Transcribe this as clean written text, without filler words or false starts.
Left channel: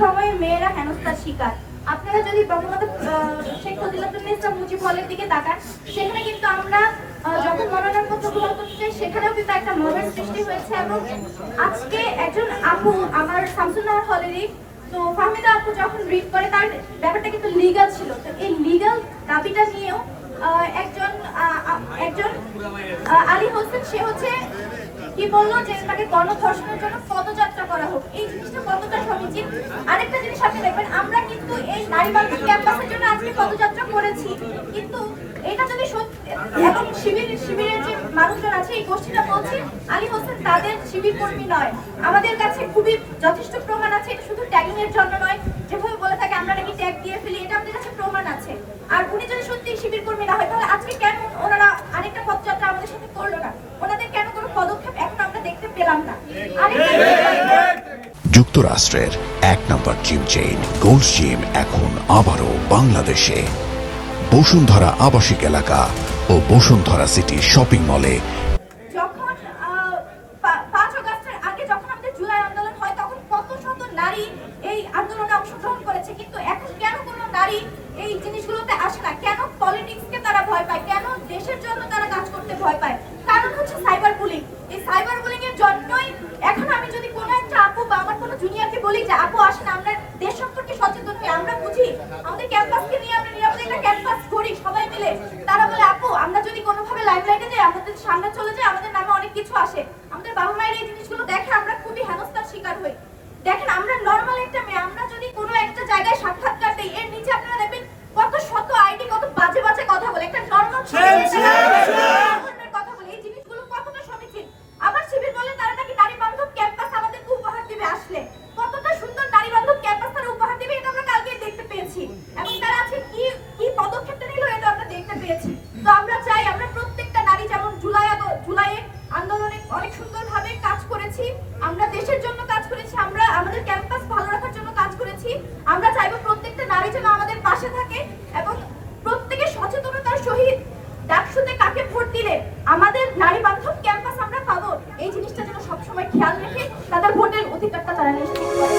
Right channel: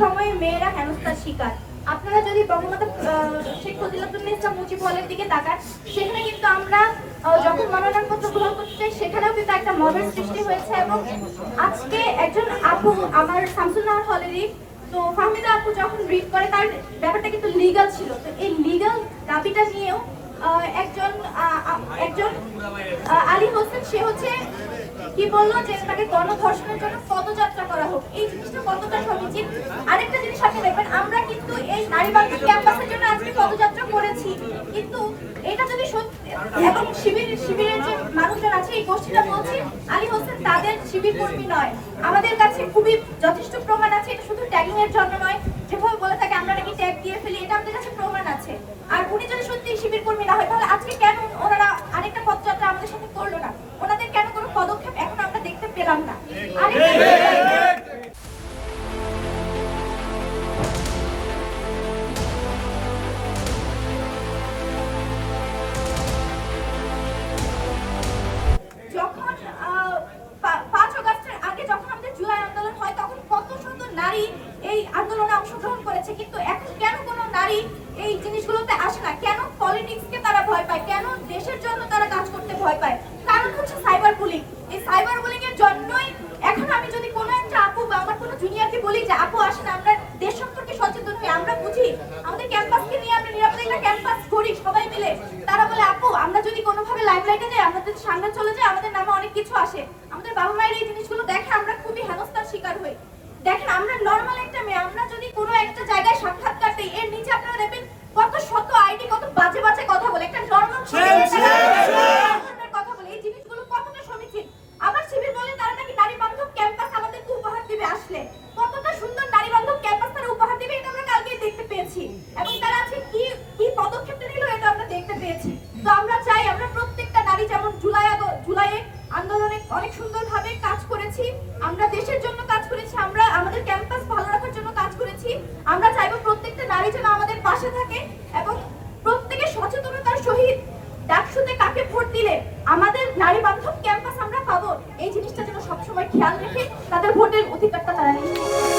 সময় মেয়েরা হেনস্থার শিকার। আপনারা যদি বঙ্গবন্ধু শেখ মুজিবুর মুজিব হলের দিকে তাকান, সেখানে কিন্তু আমরা যখন মনোনয়নপত্র গ্রহণ করতে চাই সেখানেও কিন্তু একটা মবের সৃষ্টি হয়েছে। এবং আজকে একজন আপু আমার শামসুন্নাহার হলেরই, তো ফাহমিদা আপু যখন রিড করে তার ব্যাপারটা কিন্তু লিগ্যাল ছিল। তো এই লিগ্যাল দাবিটা নিয়েও একজন আলী হোসেন সে হচ্ছে কি বললো যে তাকে গণধর্ষণের জন্য পদযাত্রা করা হোক। এই জিনিসটা কতটা সমীচীন। আরেকটা জিনিস আপনি দেখবেন, আমরা কিন্তু এই নারী বান্ধব ক্যাম্পাসের জন্য আজকে পদযাত্রা করেছি, কিন্তু এটা যদি সত্যি এবং শিবিরের যে মানুষজন আছে এই গোষ্ঠীটা বলছি আলী হোসেন তাদের শিবির কর্মী নয়। আমাদের কাছে খুবই যথেষ্ট প্রমাণ আছে, এটা শুধু ট্যাগিং এর জন্য নয়, যেভাবে বলে থাকে আমরা নাকি ট্যাগ দিয়ে ফেলি, এটা আমাদের কাছে প্রমাণ আছে। আর উনি যদি সত্যি শিবির কর্মী না হয় তাহলে আজকে কেন ওনারা আরেকটা পদযাত্রা আমাদের সাথে করলো না? ওনাদের কেন কোনো পদক্ষেপ এখন আমরা দেখতে পেলাম না? যুক্তরাষ্ট্রের 1 নম্বর জিম চেইন গোল্ড জিম এখন আবারও বাংলাদেশে। বসুন্ধরা আবাসিক এলাকা ও বসুন্ধরা সিটি শপিং মলে। যখন 5 আগস্টের আগে যখন আমাদের জুলাই আন্দোলন হয় তখন কত শত নারী এই আন্দোলনে অংশগ্রহণ করেছে, কিন্তু এখন কেন কোনো নারী এই জিনিসগুলোতে আসে না? কেন পলিটিক্সকে তারা ভয় পায়? কেন দেশের জন্য তারা কাজ করতে ভয় পায়? কারণ হচ্ছে সাইবার বুলিং। এই সাইবার বুলিং এর জন্যই এখন আমি যদি কোনো একটা আপু বা আমার কোনো জুনিয়রকে বলি যে আপু আসেন আমরা দেশ সম্পর্কে সচেতন হই, আমরা বুঝি আমাদের ক্যাম্পাসকে নিয়ে আমরা নিরাপদে একটা ক্যাম্পাস করি সবাই মিলে, তারা বলে আপু আমরা যদি কোনোভাবে লাইমলাইটে যাই, আমাদের সামনে চলে যায়, আমাদের নামে অনেক কিছু আসে, আমাদের বাবা মায়ের এই জিনিসগুলো দেখে আমরা খুবই হেনস্থার শিকার হই। দেখেন আমরা নর্মাল একটা মেয়ে, আমরা যদি কোনো একটা জায়গায় সাক্ষাৎকার দিই এর নিচে আপনারা দেখবেন কত শত আইডি কত বাজে বাজে কথা বলে, একটা নর্মাল কথা বলে। এই জিনিসগুলো কতটা সমীচীন? আবার শিবির বলে তারা নাকি নারী বান্ধব ক্যাম্পাস আমাদেরকে উপহার দিবে, আসলে কতটা সুন্দর নারী বান্ধব ক্যাম্পাস তারা উপহার দিবে এটা আমরা কালকেই দেখতে পেয়েছি, এবং তারা আজকে কি পদক্ষেপটা নিল এটা আমরা দেখতে পেয়েছি। তো আমরা চাই আমরা প্রত্যেকটা নারী যেমন জুলাইয়ে আন্দোলনে অনেক সুন্দরভাবে কাজ করেছি, আমরা দেশের জন্য কাজ করেছি, আমরা আমাদের ক্যাম্পাস ভালো রাখার জন্য কাজ করেছি, আমরা চাইবো প্রত্যেকটা নারী যেন আমাদের পাশে থাকে এবং প্রত্যেকের সচেতনতার সহিত ডাকসুতে কাকে ভোট দিলে আমাদের নারী বান্ধব ক্যাম্পাস আমরা পাবো এই জিনিসটা যেন সবসময় খেয়াল রেখে তাদের ভোটের অধিকারটা তারা নিশ্চিত করে।